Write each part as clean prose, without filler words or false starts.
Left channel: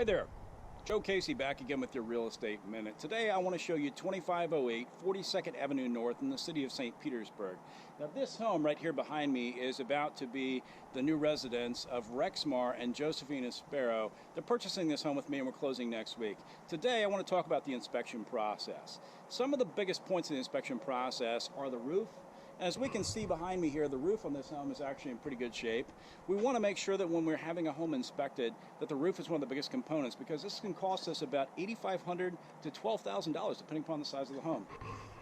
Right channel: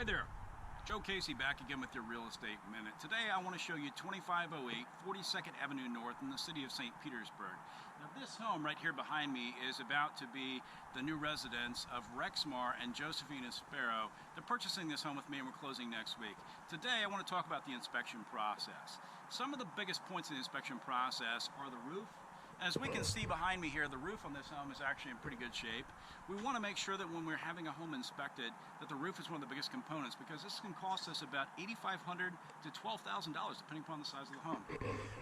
Hi there, Joe Casey back again with your Real Estate Minute. Today I want to show you 2508 42nd Avenue North in the city of St. Petersburg. Now this home right here behind me is about to be the new residence of Rexmar and Josephina Sparrow. They're purchasing this home with me and we're closing next week. Today I want to talk about the inspection process. Some of the biggest points in the inspection process are the roof. As we can see behind me here, the roof on this home is actually in pretty good shape. We want to make sure that when we're having a home inspected, that the roof is one of the biggest components, because this can cost us about $8,500 to $12,000 depending upon the size of the home.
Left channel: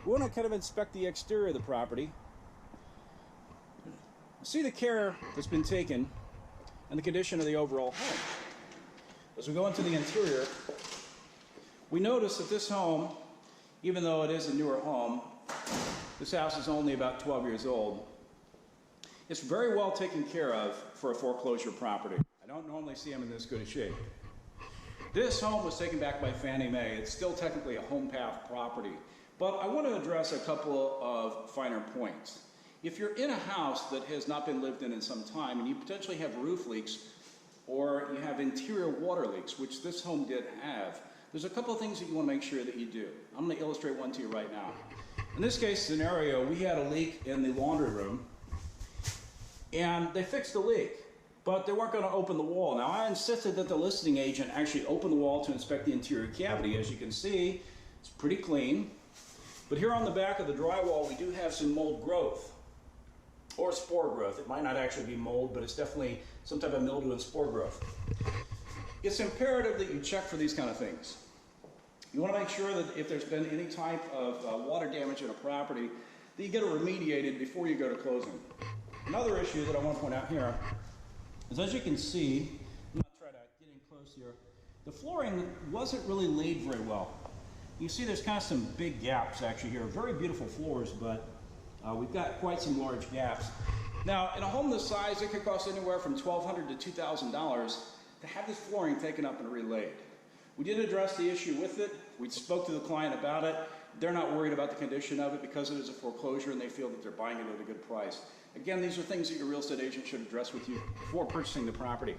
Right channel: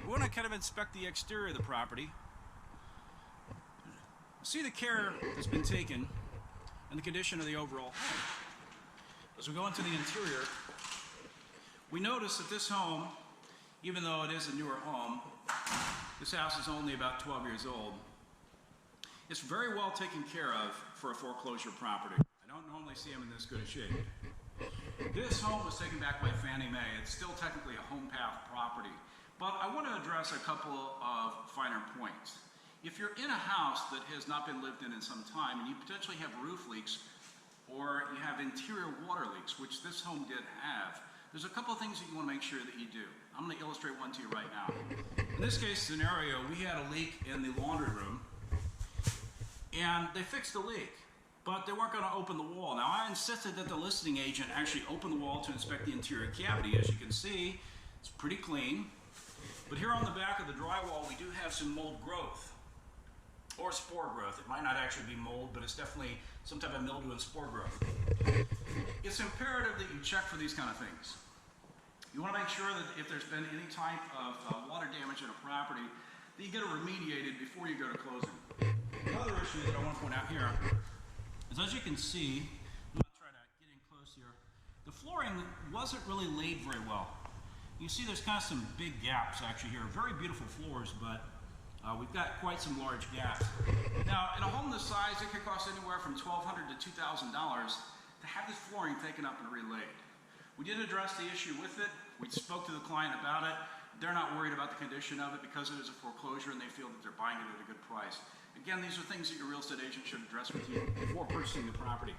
We want to kind of inspect the exterior of the property, see the care that's been taken, and the condition of the overall home. As we go into the interior, we notice that this home, even though it is a newer home, this house is only about 12 years old. It's very well taken care of for a foreclosure property. I don't normally see them in this good a shape. This home was taken back by Fannie Mae. It's still technically a home path property, but I want to address a couple of finer points. If you're in a house that has not been lived in some time and you potentially have roof leaks or you have interior water leaks, which this home did have, there's a couple of things that you want to make sure that you do. I'm going to illustrate one to you right now. In this case scenario, we had a leak in the laundry room, and they fixed the leak, but they weren't going to open the wall. Now, I insisted that the listing agent actually open the wall to inspect the interior cavity. As you can see, it's pretty clean. But here on the back of the drywall, we do have some mold growth, or spore growth. It might not actually be mold, but it's definitely some type of mildew and spore growth. It's imperative that you check for these kind of things. You want to make sure that if there's been any type of water damage in a property, that you get it remediated before you go to closing. Another issue that I want to point out here is, as you can see, I'm going to try to get in close here, the flooring wasn't really laid very well. You see there's kind of some big gaps actually here. Very beautiful floors, but we've got quite some large gaps. Now, in a home this size, it could cost anywhere from $1,200 to $2,000 to have this flooring taken up and relaid. We did address the issue with it. We spoke to the client about it. They're not worried about the condition of it because it is a foreclosure and they feel that they're buying it at a good price. Again, these are things that your real estate agent should address with you before purchasing the property.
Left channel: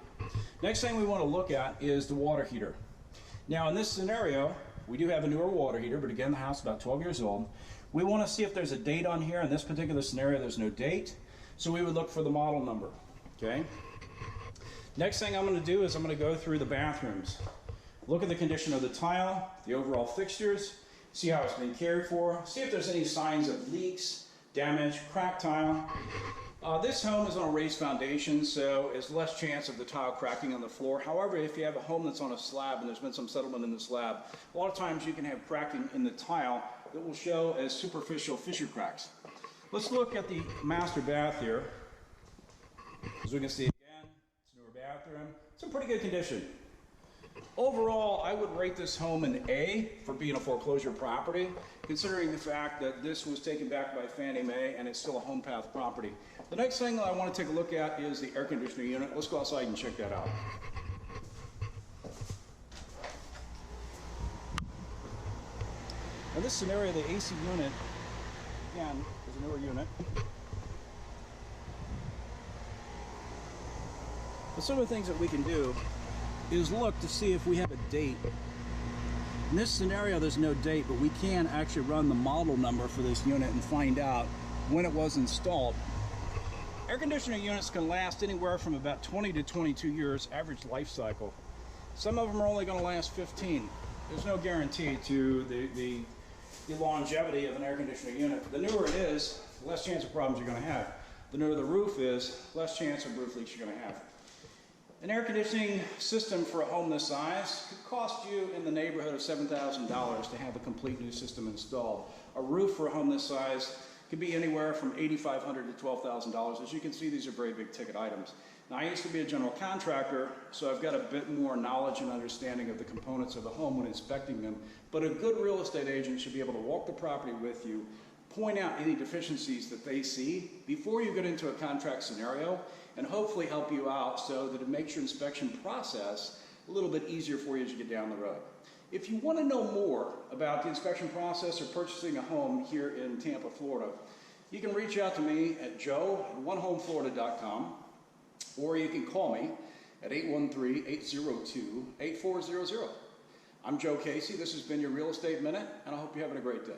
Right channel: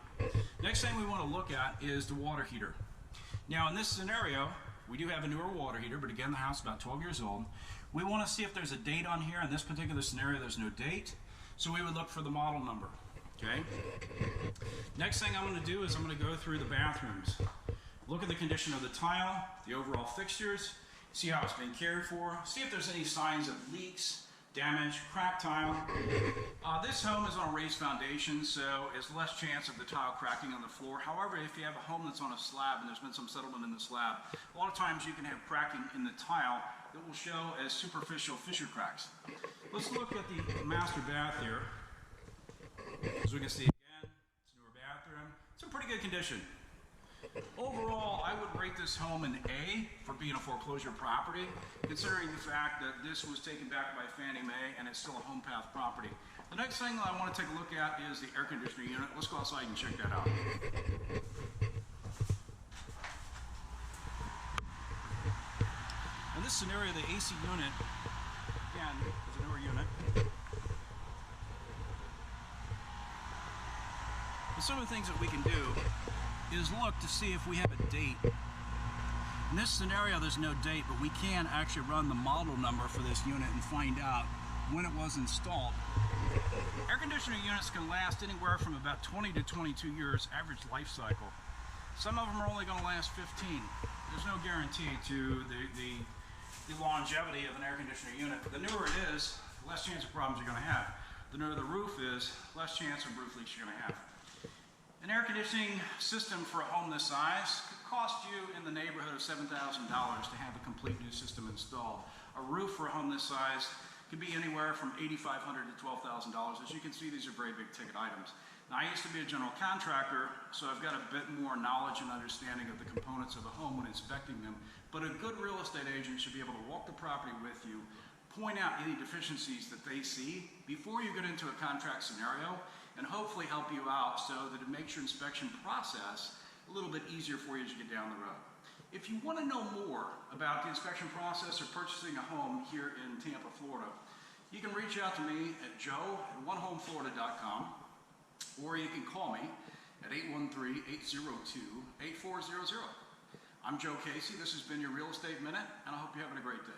Next thing we want to look at is the water heater. Now, in this scenario, we do have a newer water heater, but again, the house is about 12 years old. We want to see if there's a date on here. In this particular scenario, there's no date, so we would look for the model number, okay? Next thing I'm going to do is I'm going to go through the bathrooms. Look at the condition of the tile, the overall fixtures, see how it's been cared for, see if there's any signs of leaks, damage, cracked tile. This home is on a raised foundation, so there's less chance of the tile cracking on the floor. However, if you have a home that's on a slab and there's been some settlement in the slab, a lot of times you can have cracking in the tile that will show as superficial fissure cracks. Let's look at the master bath here. As we can see again, it's a newer bathroom. It's in pretty good condition. Overall, I would rate this home an A for being a foreclosure property, considering the fact that this was taken back by Fannie Mae and it's still a home path property. The next thing that I want to take a look at is the air conditioning unit. Let's go outside and check that out. In this scenario, the AC unit, again, is a newer unit. But some of the things that we can do is look to see if we have a date. In this scenario, there's no date, but we can actually run the model number for this unit and find out when it was installed. Air conditioning units can last anywhere from about 20 to 22 years average life cycle. Some of them are only going to last 15. There's no guarantee to the longevity of an air conditioning unit. The newer it is, the less chance of problems you're going to have. The newer the roof is, less chance of roof leaks you're going to have. An air conditioning system for a home this size could cost you in the neighborhood of $7,000 to have a complete new system installed. A roof for a home this size could be anywhere from $8,500 to $12,000. As you can see, these are very big ticket items. Now, I used to be a general contractor, so I've got a bit more knowledge and understanding of the components of a home when inspecting them, but a good real estate agent should be able to walk the property with you, point out any deficiencies that they see before you get into a contract scenario, and hopefully help you out so that it makes your inspection process a little bit easier for you as you get down the road. If you want to know more about the inspection process or purchasing a home here in Tampa, Florida, you can reach out to me at joe@onehomeflorida.com, or you can call me at 813-802-8400. I'm Joe Casey. This has been your Real Estate Minute, and I hope you're having a great day.